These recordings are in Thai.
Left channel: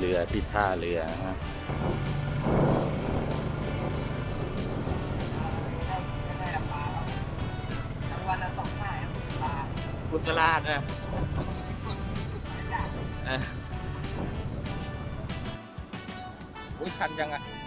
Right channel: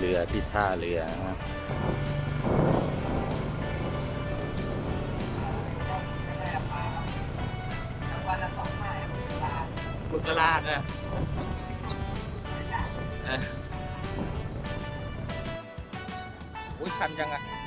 เรือที่ท่าเรือนะกุศลาดนะอุ้ยคันยังอะ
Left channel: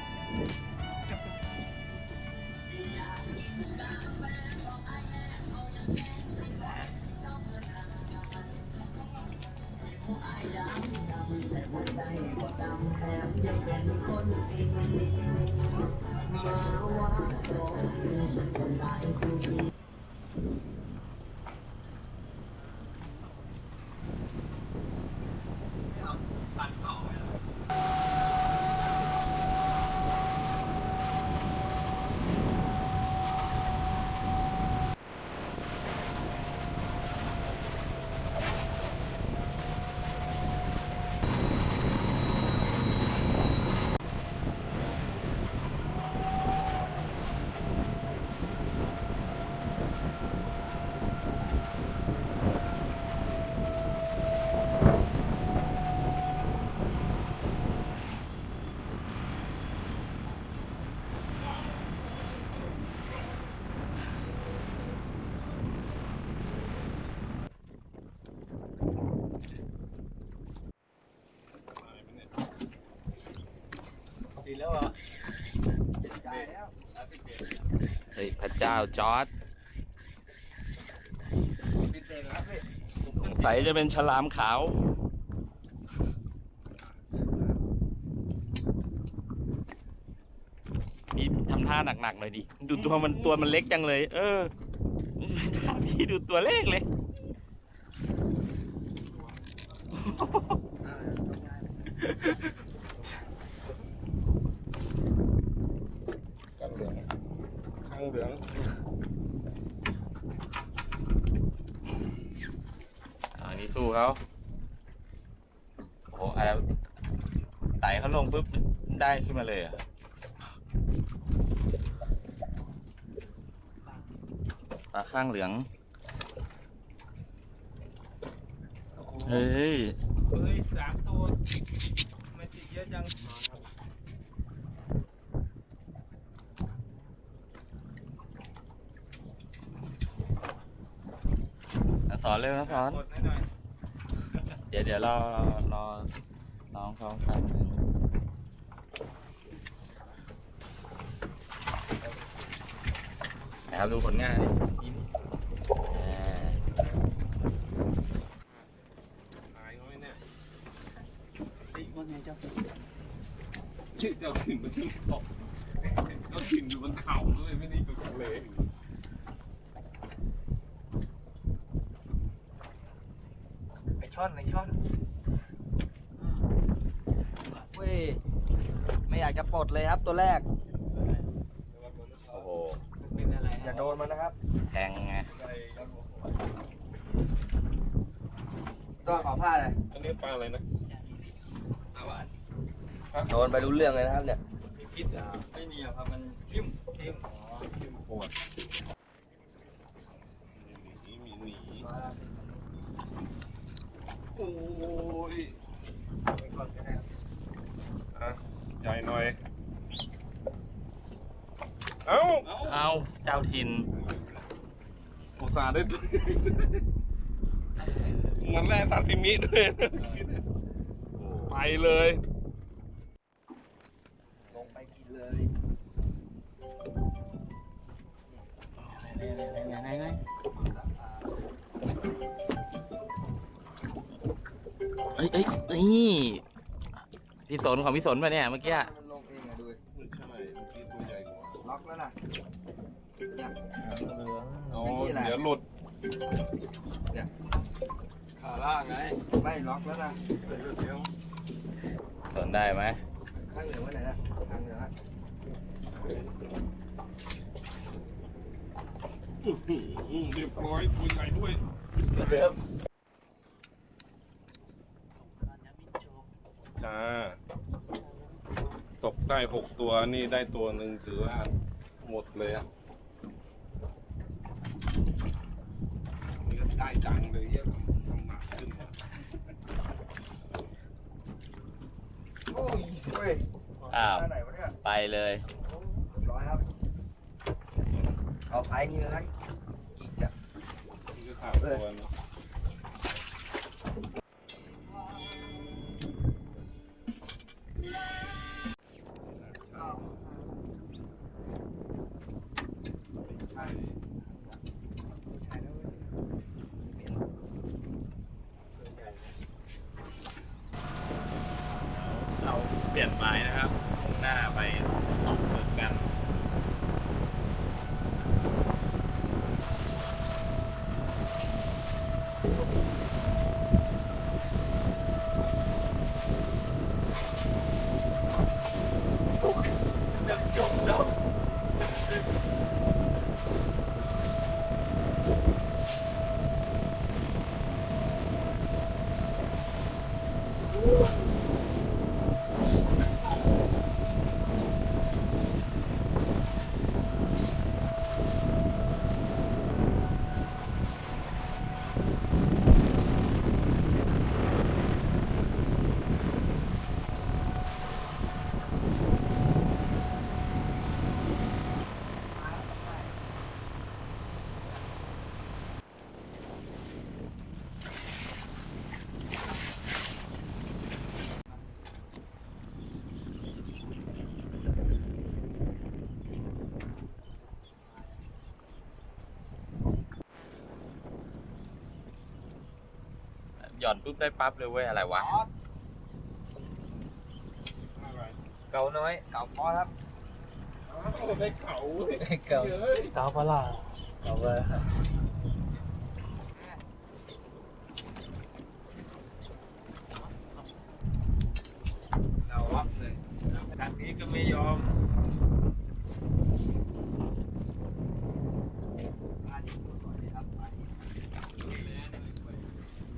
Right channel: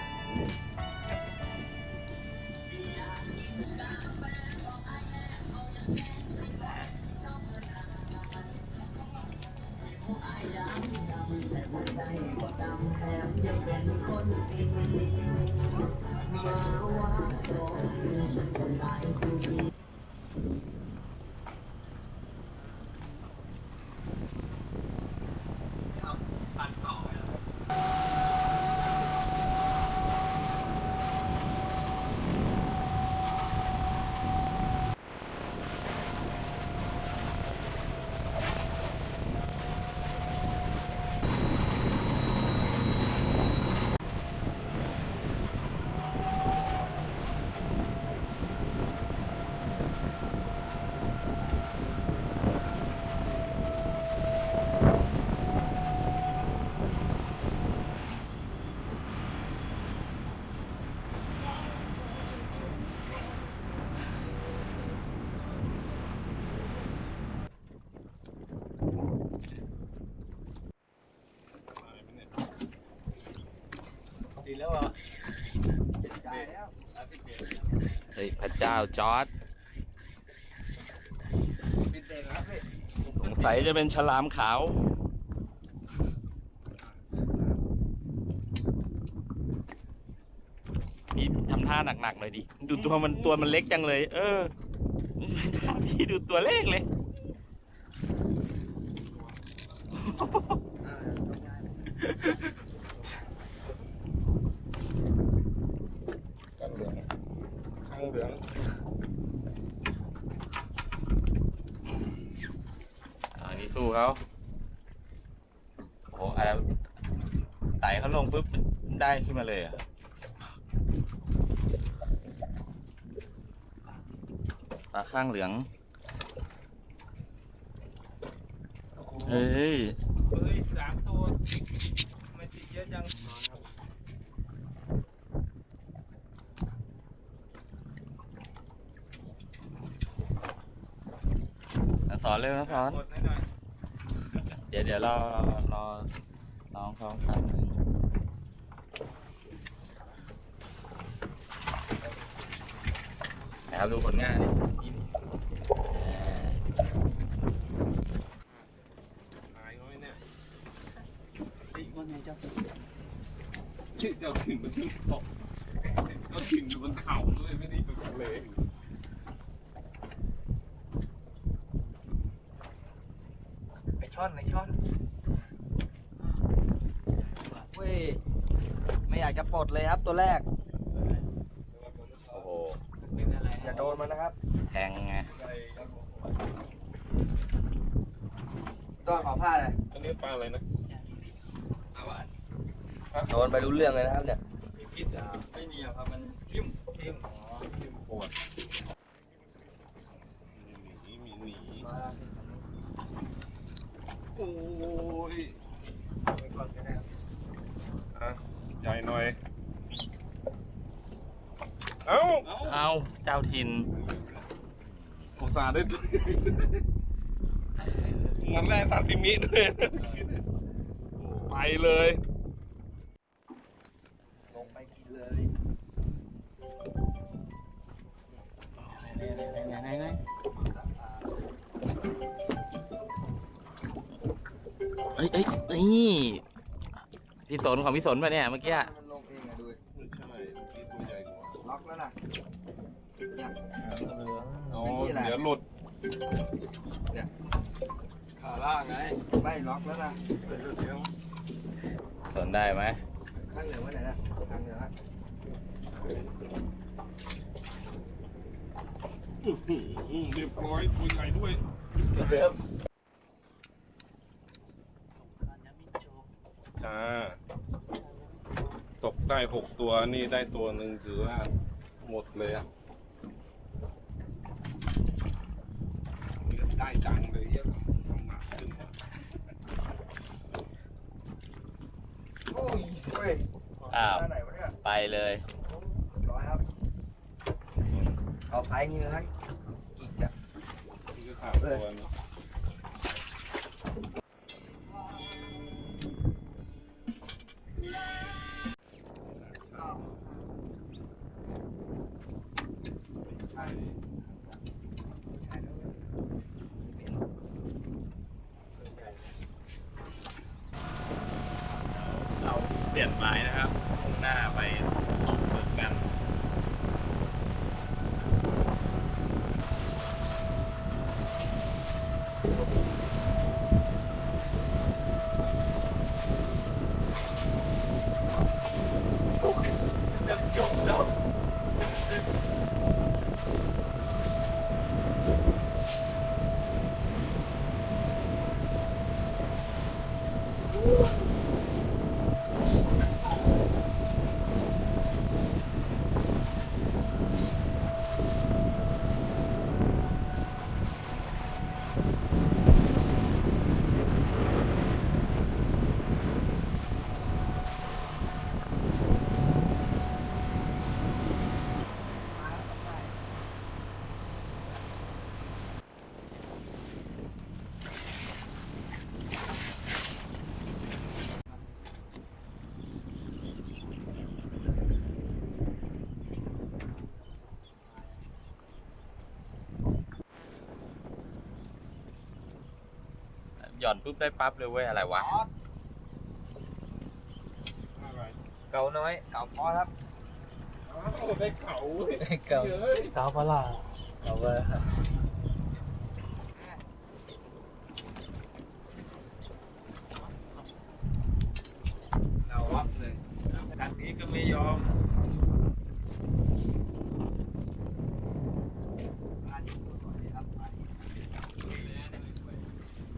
แล้วอะเฮ้ยพระเจ้าจอร์ดปิดเบรกครับพี่สงสัยจะเป็นฉลามขาว พี่ทำท่าหนักๆหน่อยดิ ดูตัวมันตัวมันเล็กจังเลย เออท่าพี่ดูตัวเล็กเลย กันเหลืองข้างเหลือง อันนี้ สู้เขาโอ้โหอะไรไต่เขาลงปุ๊บได้ขึ้นมาเลยเหรอะปลาข้างเหลือง เฮ้ย เฮ้ยสามตัวทำไมติดเยอะจังนะสอนเร็วนะสอน หมดหน่อยเดี๋ยวเดี๋ยวรอรอน้องเขาครับนะครับดูผลงานเอ่อหายน้อยเนี่ยติ๊กว่าไงเจ้าเจ้าถิ่นมันที่เกาะเจ้าถิ่นอยู่บนเขาเลยไม่ได้อยู่ทะเล อช่อนไอช่อนเว้ยไม่อยากจะปลดเลยครับตัวแรก โอ้โหเป็นอะไรอย่าโดนมันนะครับ แทงไงต้องขอผ้าเลยอันนี้ปลาอะไรนะอาหวานโดนไปรู้เรื่องเลยนะครับเนี่ยมีพิษอะไม่มีหรอกครับมันทิ่มทิ่มอ๋อทิ่มปวดหนีมีหนี โอ้ยอะใหญ่หน่อย เอ้าเอาเจ้าทินอุตส่าห์ได้มันแร่ซาซิมิด้วย ไปเลย ลงไปกินเลย อ้ยเอ้ยนี่พี่สนของพี่สนป่ะเนี่ยเมื่อกี้อะมันลงเองอะดูดิใช่เมื่อกี้ตัวใหญ่กว่าล็อกแล้วนะเนี่ย อ๋อเดี๋ยวหลุดขาล่างไงไม่ล็อกแล้วนะเดี๋ยวเดี๋ยวสนได้ไหมข้างเหนือไว้ไหนนะข้างเหนือนะอื้อหือเรียบร้อยตัวใหญ่ด้วยเดิม จ้า ตกได้หกตัวนี่ได้ตัวหนึ่งถือว่าหมดเลยอะนี่ก็ได้จังเลยเยอะทำหนักขึ้นฮ้ยอ้าวท่าไหนวะเนี่ยไปเลยร้อยครับเอาไซส์นี้เลยนะอีกอะนี่ก็ขาดตัวายนะครับมุ่งหน้าไปตกหมึกกัน หย่อนปุ๊บได้ปั๊บเลยเว้ยอะไรวะอะไรเก่าน้อย เก่าพอครับอ้าวได้เขาเว้ยเก่าเฮ้ยเก่าพลาเก่าเว้ยเอาวับเลยดันนี้ก็ไม่ยอม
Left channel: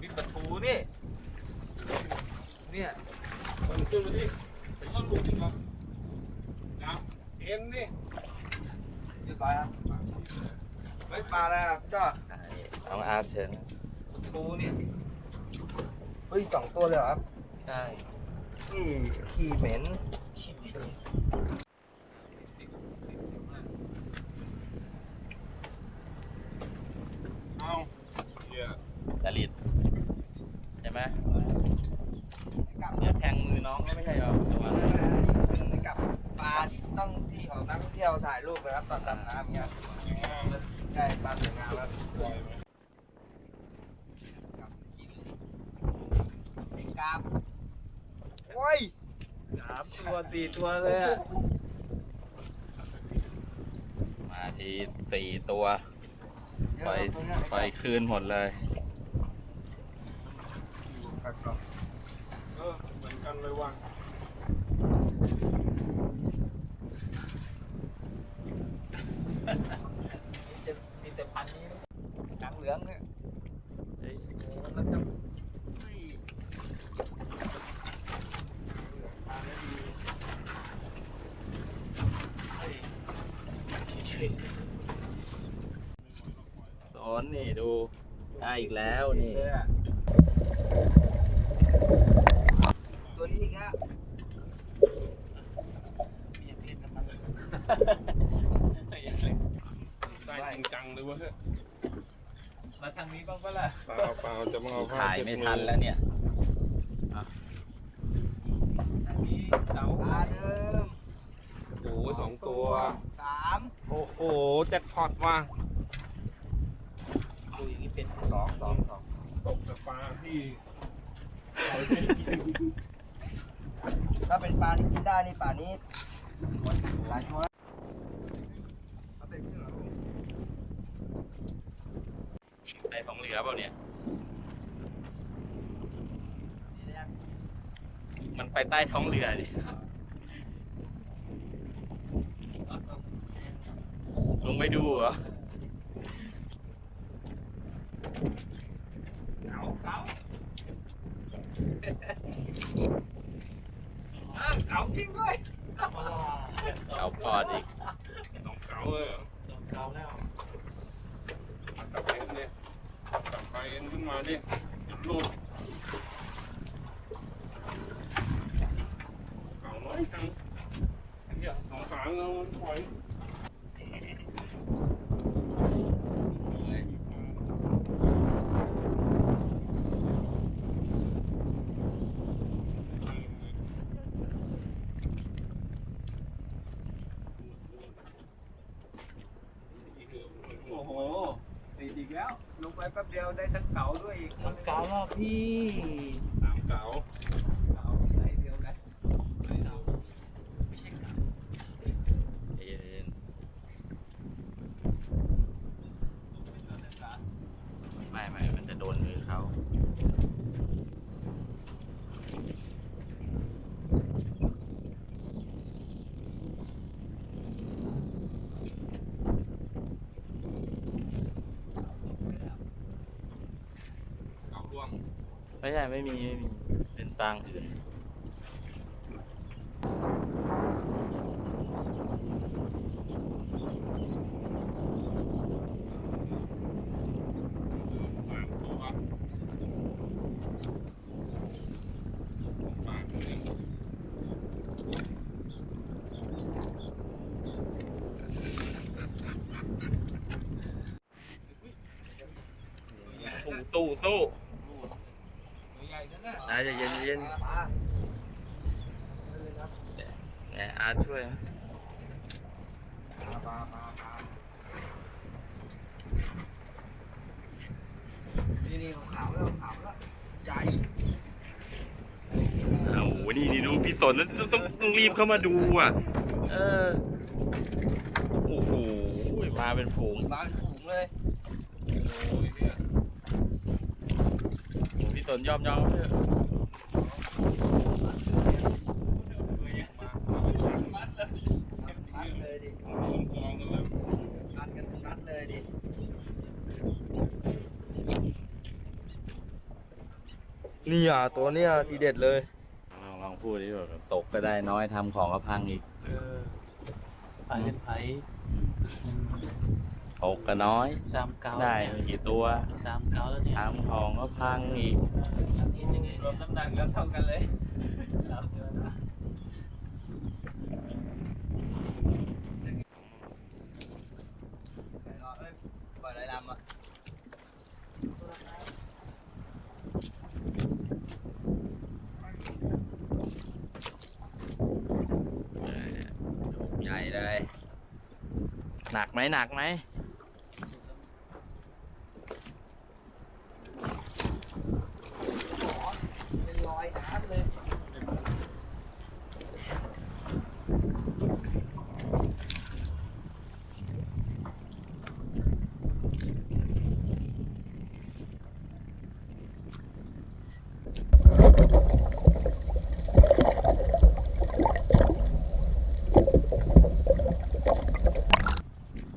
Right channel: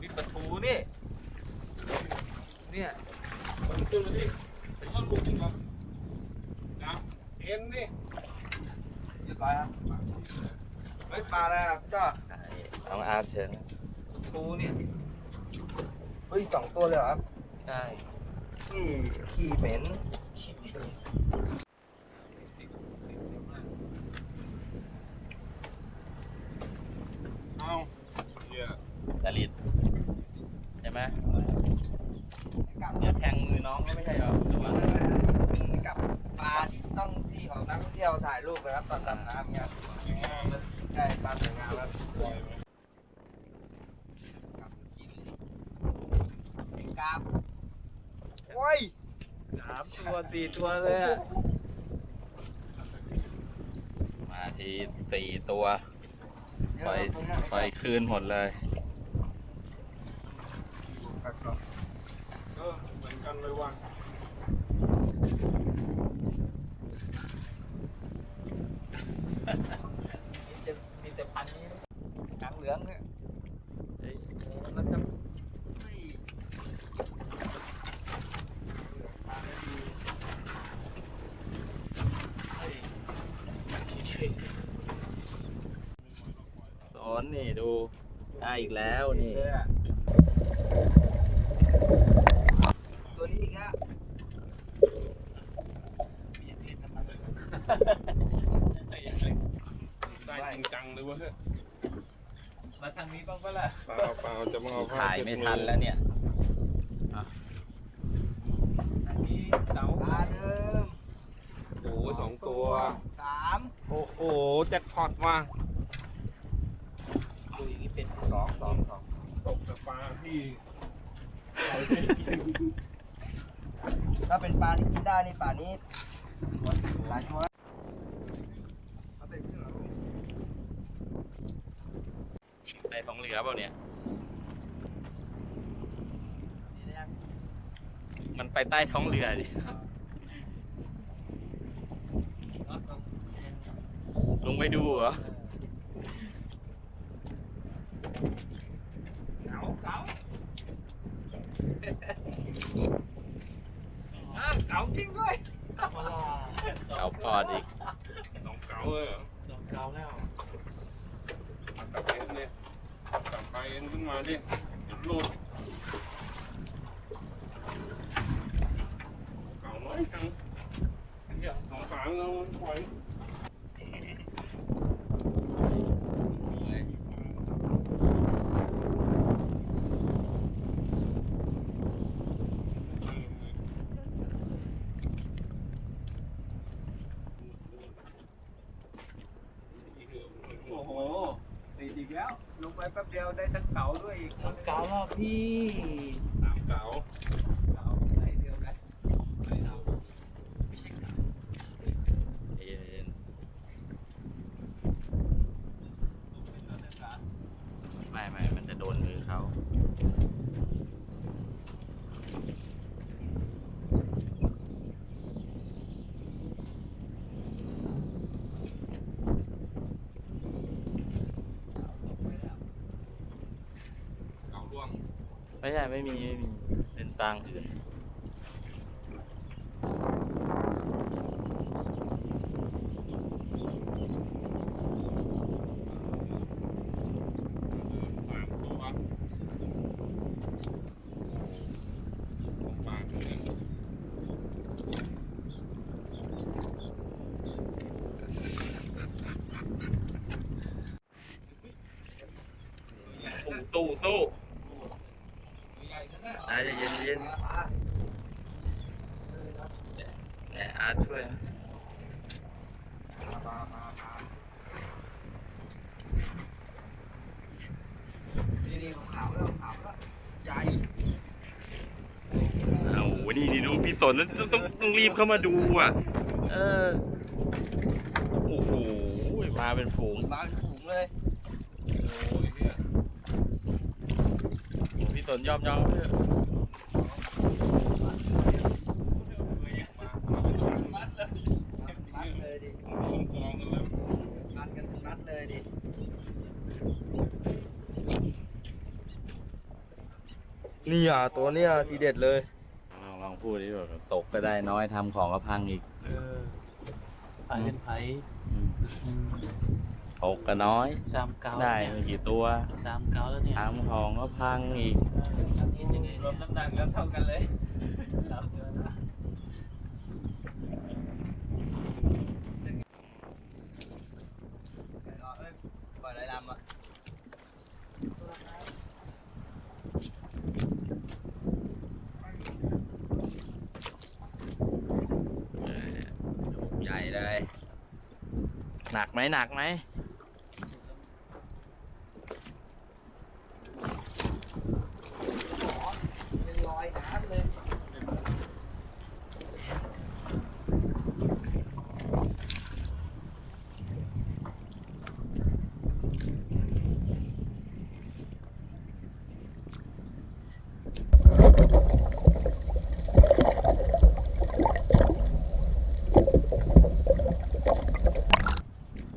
วิประตูนี่เนี่ยมัน ขึ้นมาดิไอ้ท่อนบุกมาจับเอ็นดิเรียบร้อยครับเฮ้ยปลาอะไรอะพี่จ้าน้องอาร์ตเชิญประตูนี่เฮ้ยสองตัวเลยเหรอครับ ใช่ขี้ขี้เหม็น เอาเหี้ย ดาริดใช่ไหม กลับ เดี๋ยวแทงมือน้องก็ไม่ใช่เหรอระวัง กลับปลาต้องที่ของนักท่องเที่ยว ถ่ายรูปนะครับตอนดำน้ำเนี่ยงามนะใช่ปลาสวยงามครับไหมกลับกินไอ้กราบโอ้ยสามตัวสี่ตัวเลยอะมาทีสี่ตัว ปล่อยปล่อยคืนหมดเลย เออเหมือนกันเลยว่ะ มีแต่พันนี้หนังเห ลืองเนี่ยเฮ้ยมันจะเฮ้ยสอนนี่ดูได้อีกแล้วนี่ ตัวนี้อีกแล้ว ได้จริงจังเลยเวะเฮ้ย มาทางนี้บ้างปะล่ะ เปล่าเปล่า จะมาเอาผ้าถ่ายเช็ดไม่มืทันอแล้วเนี่ยอันนี้เสาปลาเดิมโอ้โหสองตัว สามโอ้โหแจ็คพอตว่ะคุยนี่เป็นสองสองสองตกแต่ปลาที่ถ้าเป็นปลาที่กินได้นี่ป่านี้หลายตัวเอาไปขึ้นเหรอลูกไอ้ของเหลือเปล่าเนี่ย มันไปใต้ท้องเรือดิลงไปดูเหรอเก๋าเก๋าเก๋าจริงด้วยเอาพอดอีกสองเก๋าเลยเหรอเก๋าแล้วเอากลับไปเนี่ยกลับไปเอ็นขึ้นมาดิเดี๋ยวหลุดเก๋าน้อยเนี่ยสองหางเราปล่อย โอ้โหติดอีกแล้ว ลงไปแป๊บเดียวได้ทั้งเก๋าด้วยอีกต้งเกาแล้วพี่ สามเก๋า เก๋าไหนเดียวกัน ไหนเอา ไม่ใช่เก๋า เย็นไม่ไม่มันจะโดนมือเขา เก๋าร่วง ไม่มีไม่มีเป็นปางอื่นสู้สู้ ใหญ่ด้วยนะ นะจะ เย็นเย็นแหมอาร์ตช่วยนะนี่นี่ขาวแล้วขาวแล้วใหญ่เอาโหนี่นี่ดูพี่สนต้องต้องต้องรีบเข้ามาดูอะ เออ โอ้โห มาเป็นฝูง มาเป็นฝูงเลยโอ้ยเนี่ยโอ้พี่สนยอมยอมเถอะ มัดเลยมัดเลยดิ กองกองกันแล้ว มัดกันมัดเลยดิ นี่อะตัวเนี้ยทีเด็ดเลย ลองลองพูดดิแบบตกก็ได้น้อยทำของก็พังอีกไปเป็นไผตกก็น้อย สามเก้าได้ไม่กี่ตัวสามเก้าแล้วเนี่ยทำของก็พังอีกรวมน้ำหนักแล้วเท่ากันเลยไปรอเอ้ยปล่อยไรลำอะ เออลูกใหญ่เลย หนักไหมหนักไหม เป็นรอยน้ำเลย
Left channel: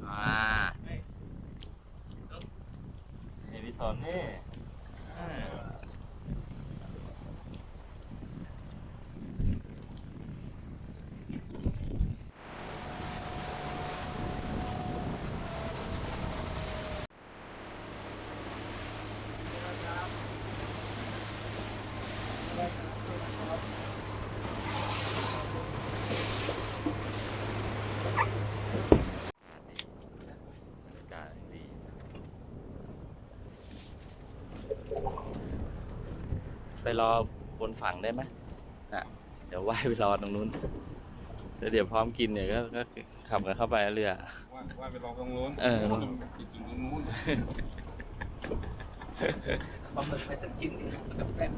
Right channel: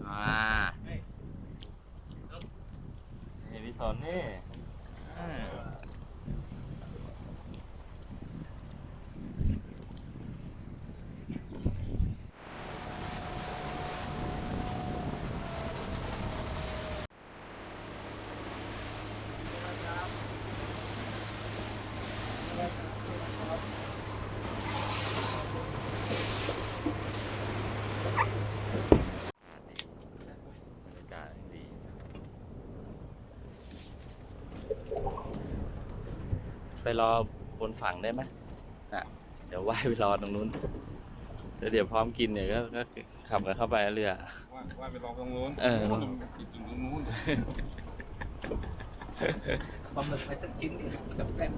อ่านี่พี่สนนี่อ่าบรรยากาศดี ไปรอบนฝั่งได้ไหมน่ะเดี๋ยวว่ายไปรอตรงนู้นเดี๋ยวเดี๋ยวพร้อมกินเนี่ยก็ก็ขับกันเข้าไปเรือ ว่าว่าไปรอตรงนู้นเออติดอยู่ตรงนู้นปลาหมึกไปสักชิ้นดิกับแป้ง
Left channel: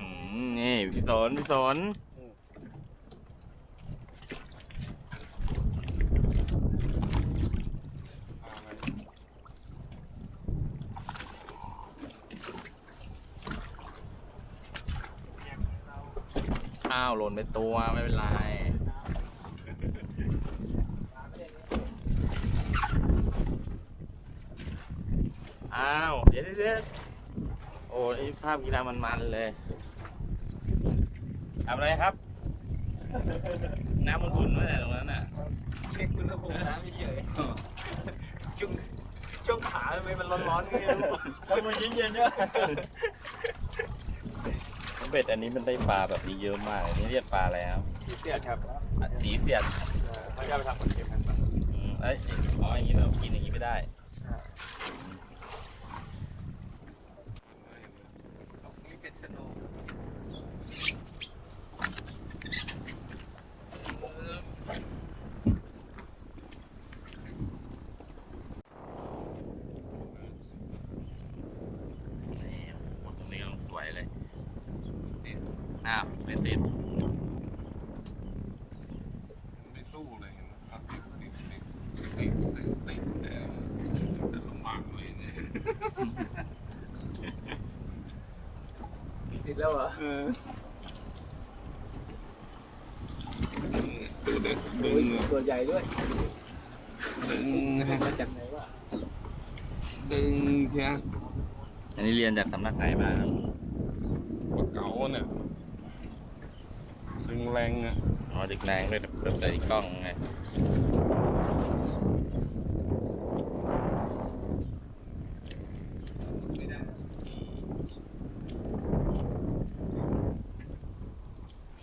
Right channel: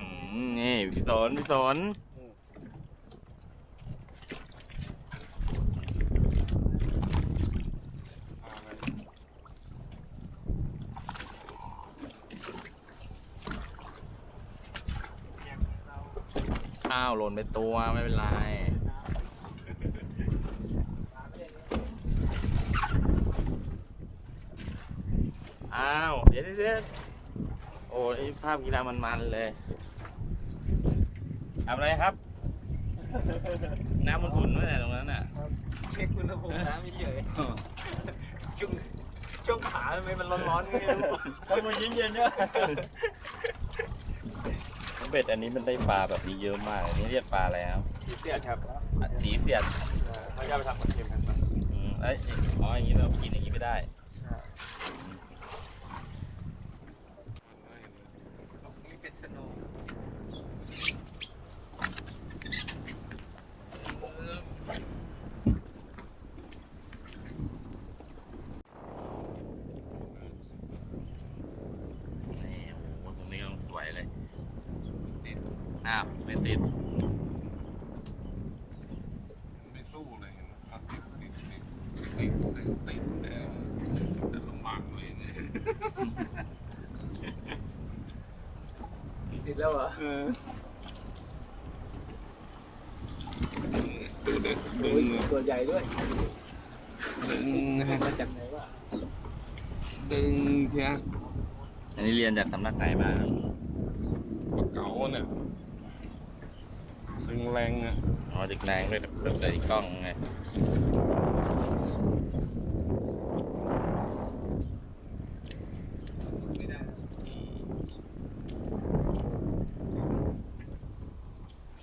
อืมนี่พี่สนพี่สน ข้าวหล่นไปตัวไม่เป็นไรอ้าวเดี๋ยวเดี๋ยวเดี๋ยวโอ้ยภาพกีฬามันๆเลยทำอะไรครับ น้ำมันอุ่นไหมตรงนั้นน่ะเช็คอุณหภูมิน้ำเฉยๆช่วงช่วงขาทำไมมันร้อนๆนี่ไม่รู้ถ้ามันเย็นๆเนี่ย เบ็ดอันนี้มันได้ปลาแบบนี้เยอะมากอันนี่เรียกปลาแล้วสีเสียดครับอะสีเสียดเขาจะไปทำมันเค็มกันปะอืมเอ้ยอ๋ออย่างนี้เรากินอย่างนี้ไม่ได้เจ็ดสโนว์ นี่โอ้โหตรงนี้กำลังสวยเลยนี่อ้าวไม่ติด ไม่สู้เลยเห็นไหมเอาติดติดติดติดติดติดแล้วจะลำบากเลยเนี่ย ติดแล้วเหรอ เออดูเด็กดึง ตัวใหญ่ด้วยดึงนะฮะมาจากไหนวะดึงเชียอันนี้เรียนจากสำนักไหนมาครับปากเก๋าเนี่ยดึงแรงอะอ๋อเด็กแรงด้วยแบบใส่กล้องไง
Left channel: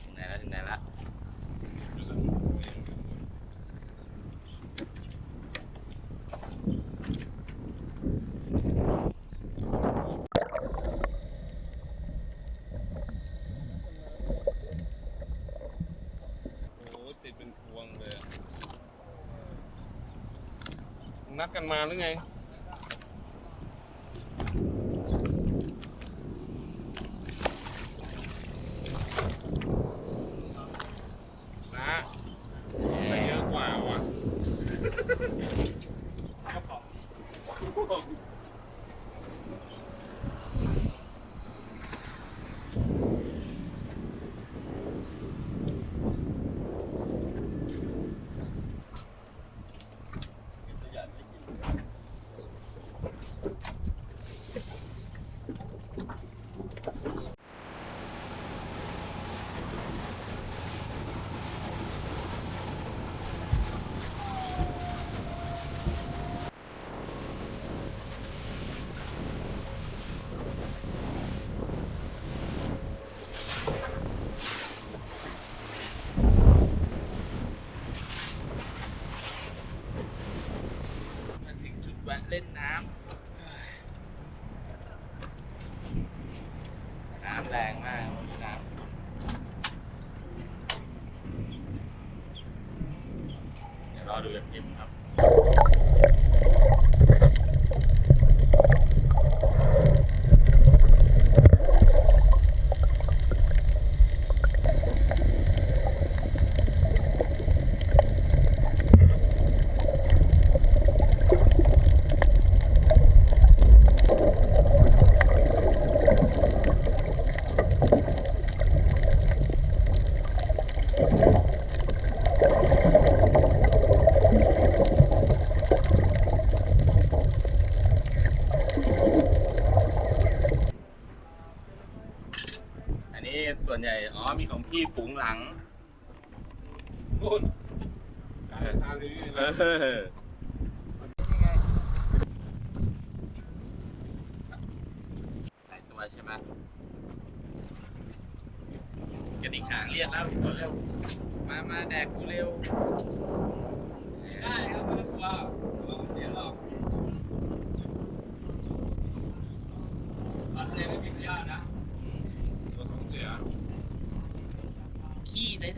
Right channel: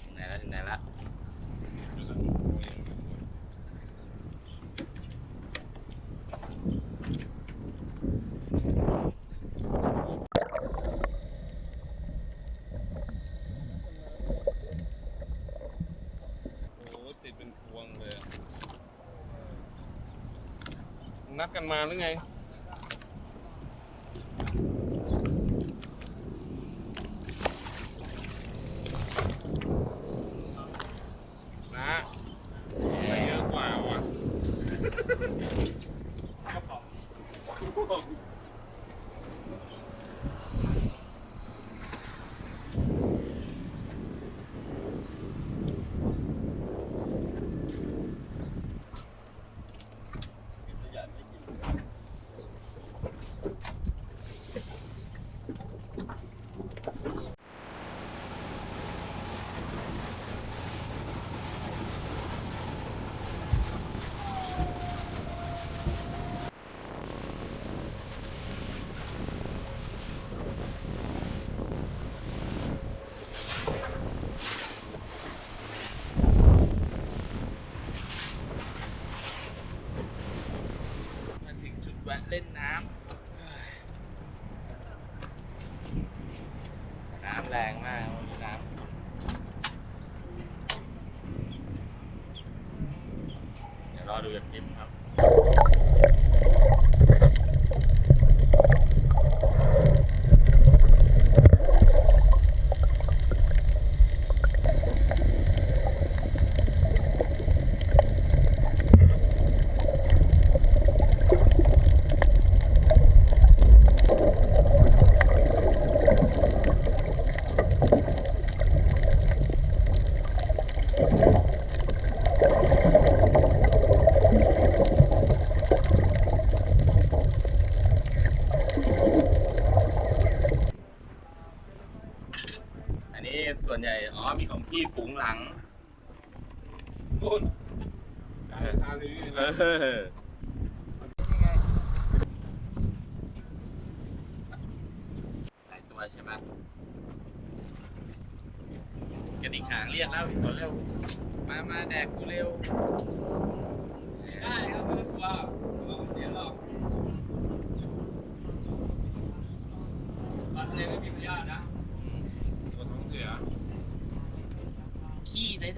ถึงไหนแล้วถึงไหนแล้ว โอ้โหติดเป็นพวงเลยอะนัด กันมาหรือไง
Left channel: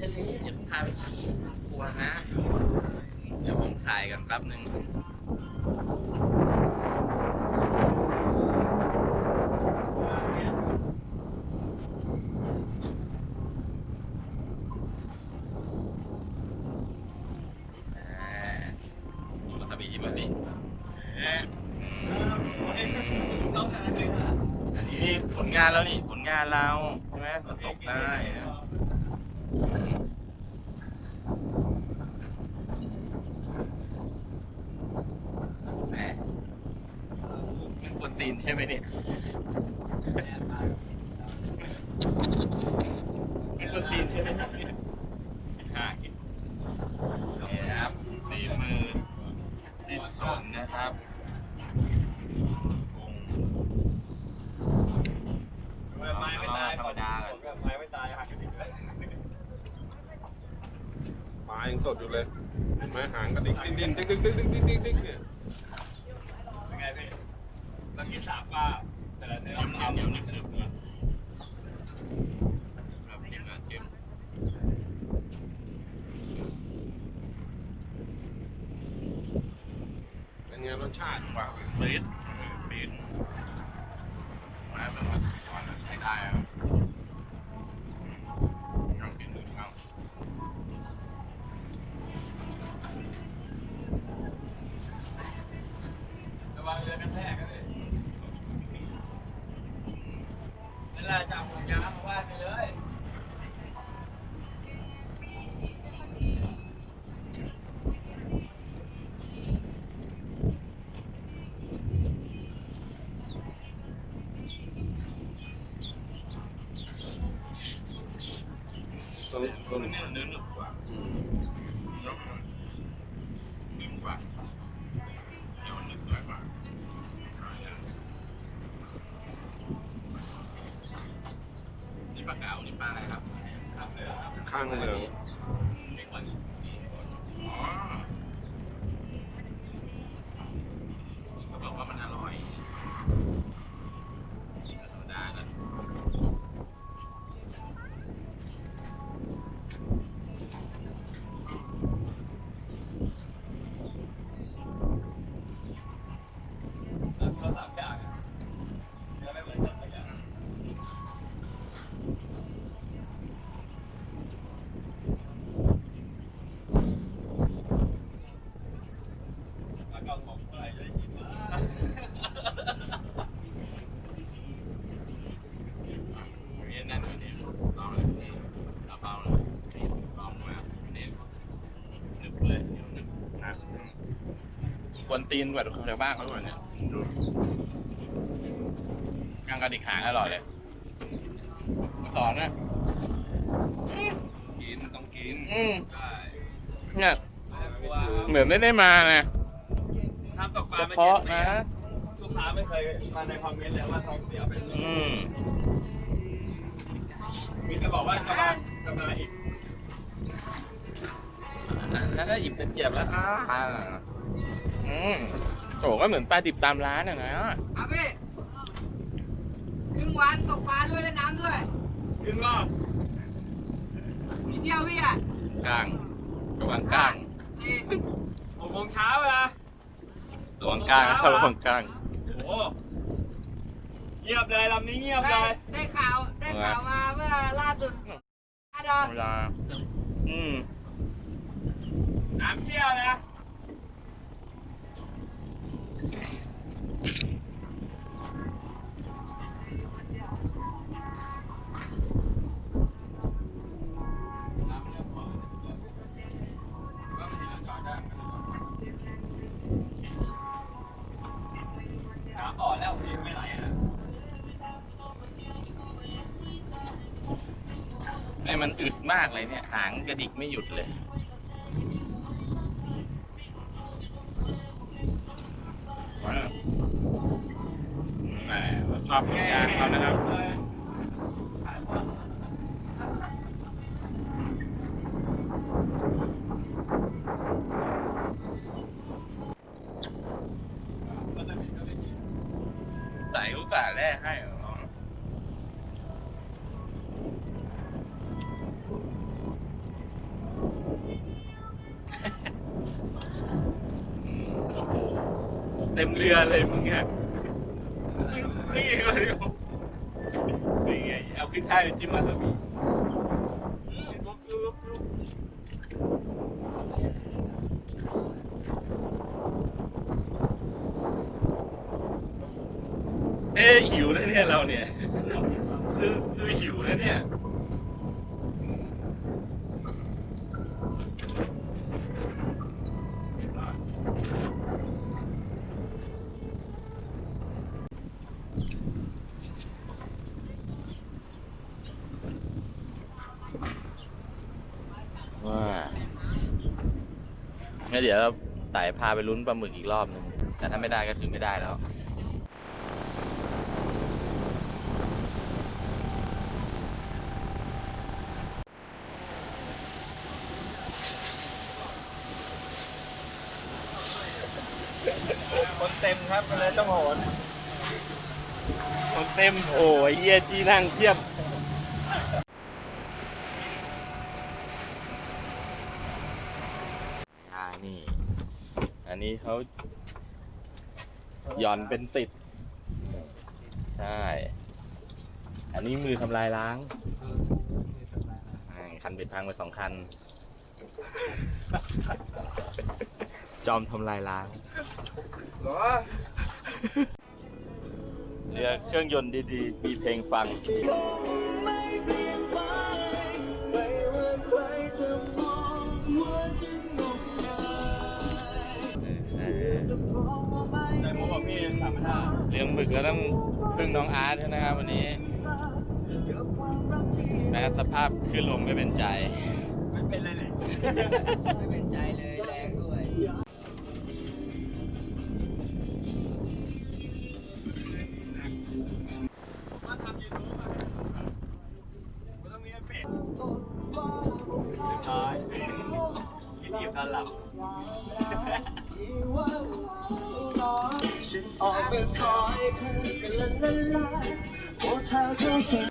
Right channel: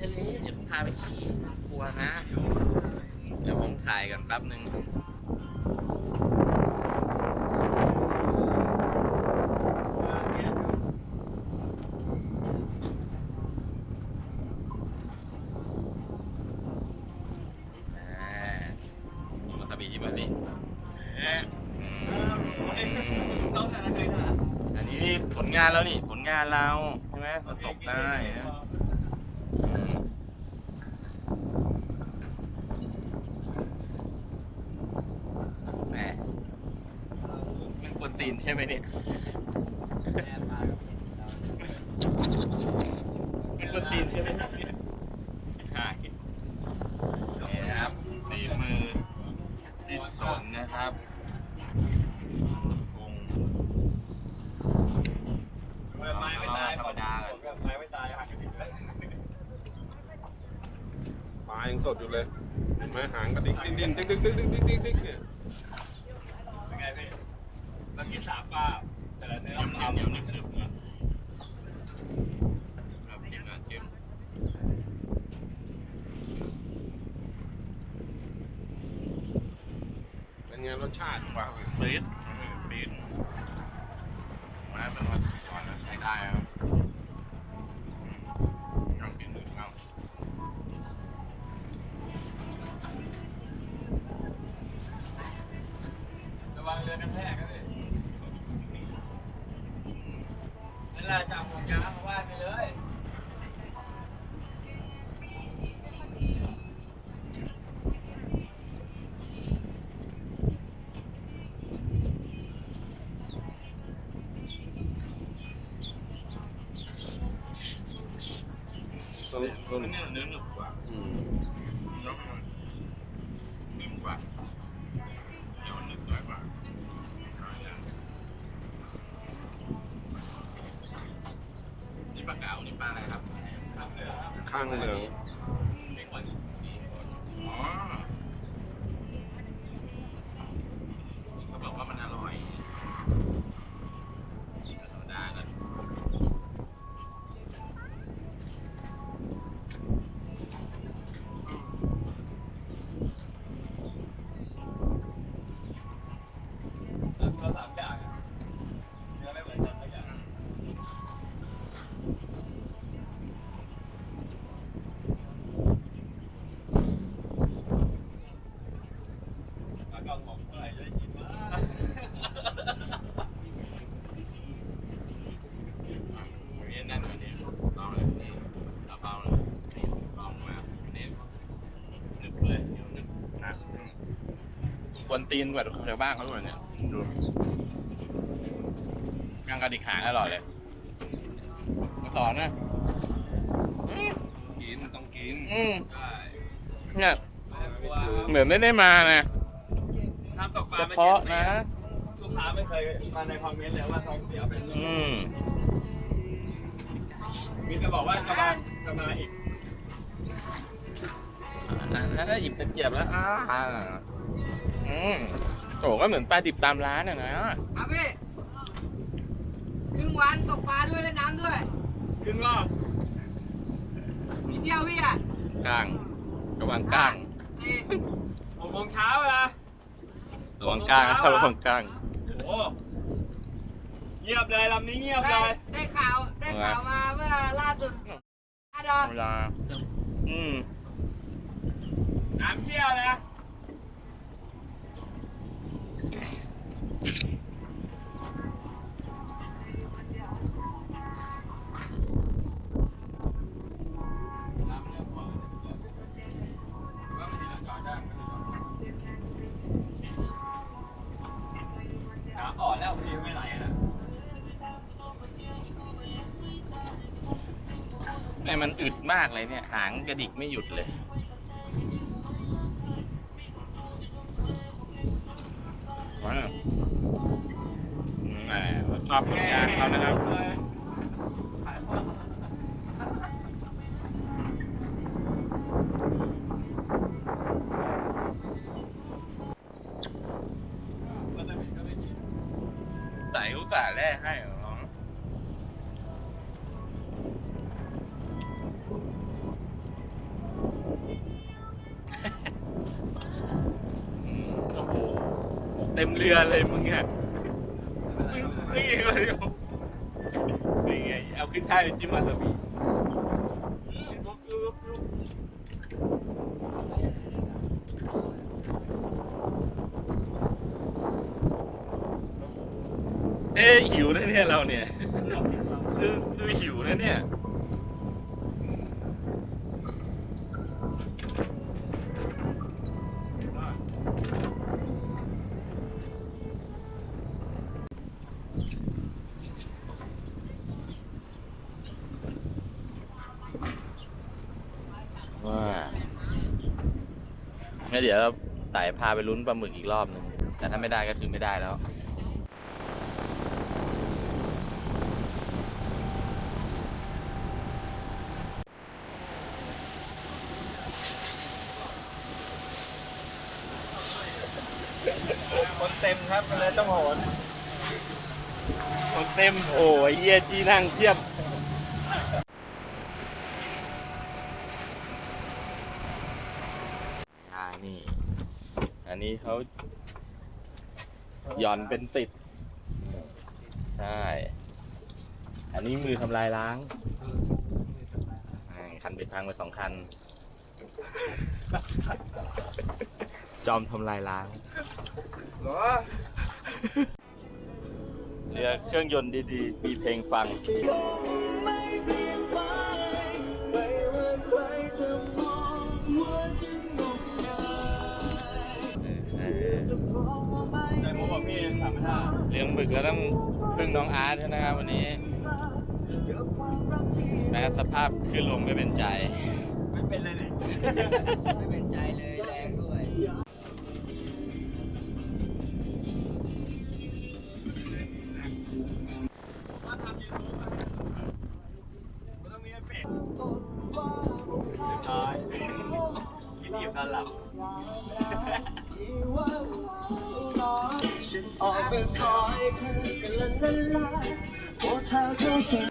ทะเลเดี๋ยวผมพาไปขี้กลัวนะ เดี๋ยวผมถ่ายกันแป๊บหนึ่ง ตีนใช่ไหมเนี่ยมันกนตีนใช่ไหมเนี่ยหายนี่นครับตีมือที่สนนะครับเราธรรมดากันไม่ตายหายไปแล้วปายังสดอยู่เลยเห็นไหมหางกระดิกดิ้นดิ้นดิ้นดิ้นดิ้นดิ้นดิ้นเนี่ย เรากินสามปลาแต่ละเนื้อเหนียวเหนียวนึบนึบเนี่ยครับจิ้มนะจิ้มเป็นไงรสชาติกว่าปี๊ดปี๊ดนะเป็นว่าก่อนใช้ได้ครับลองกินดูครับระวังเรือกันแทกกันเลยนี่แห ละจับผมยาวมาว่าไปเลย ต้นต้น เนื้อเนื้อหนึบกว่า อืม เนื้อมันนิ่มกว่าเหนียวหนึบน้อยกว่านี่ปลาเก๋านี่ปลาอะไรครับ ข้างเหลือง อ๋อเขาบอกว่ามันอร่อยธรรมดานะ เราสามอย่างเนื้อไม่เหมือนกันเลยอะแล้วก็ของอะไรก็ได้กินนะ อันนี้แน่นกว่านี้ลองเลยพี่เอาเบาเลยนี่ลองมาอันนี้หนึบเลยเหนียวหนึบนะกวน ตีนกว่าชาวบ้านเขาด้วยเนี่ยดูย่างกระดิกหางอร่อยเลยสอนนะกินต้องกินอืมใช่เนี่ยไม่ได้กลัวครับเหมือนไม่ได้มานะทำตกปลาเฉไม่พาะเจ็ดปีนะอะลูกค้าไม่เคยมาในคอมเมนต์เลยว่าท้องเสียเป็นอืมมีแต่บอกว่าจะมาจะมาอีก แล้วถ้าหยิบตะเกียบแล้วอ่า อืมโอ้ก็เหมือนปลาดิบตามร้านอะนะเอาพี่ครึ่งวันตกปลาด้วยเล่นน้ำด้วยครึ่งรอบมีเที่ยวพี่อะกลางระหว่างกลางนี่หกโมงเช้าอะระหว่างกลางครับระหว่างกลางโอ้เงียบเลยลำนี้เงียบเลได้ยได้ข่าวได้ข่าวมาเมื่อล่าสุดอาดอเวลาอืมน้ำเชี่ยวเลยนะ น้ำอ่อนแล้วพี่ ไม่ไหลอะนี่มันอึดมากเลยเนี่ย หางกระดิกไม่หยุดเลย เต็มเรือเลยมึงอะนี่ไงเดี๋ยวนี่ไงเอาขึ้นท้ายจิ้มมาตัวนี้เอ๊ะหิวนะเนี่ยเราเนี่ยดูดูหิวนะเนี่ย ดี๋ยวไต่พาไปลุ้นปลาหมึกอีกรอบนึง แต่ถ้าไม่ได้ก็คือไม่ได้แล้วคนเต็มครับเลยต้องโหนคนเต็มโอ้ยเยี่ยจีนั่งเทียบ หย่อนเป็นติด ใช่ อันนี้มือทำลายล้างอ่าคันเป็นพังไปสองคัน จอมทำลายล้างเหรอเรือเครื่องยนต์ดีๆ มีเพลงฟัง เลี้ยงหมึกก็ต้องพึ่งน้องอาร์ตนะครับวันนี้แม้สภาพขึ้นลงไม่เป็นใจ ไม่เป็นเลยไม่เป็นใจเลย 未来，我朝着？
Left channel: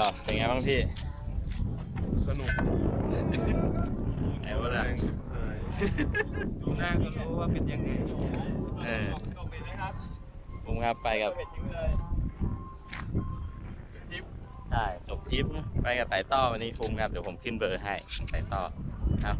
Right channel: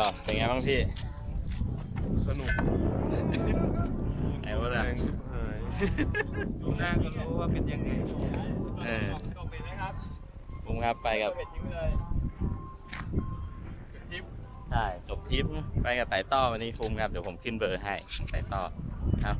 รับเป็นไงบ้างพี่สนุกไอ้วะล่ะดูหน้าก็รู้ว่าเป็นยังไงเออผมครับไปกับเป็นจริงเลยใช่จบทริปไปกับไต่ต้อวันนี้คุ้มครับเดี๋ยวผมขึ้นเบอร์ให้ไต่ต้อครับ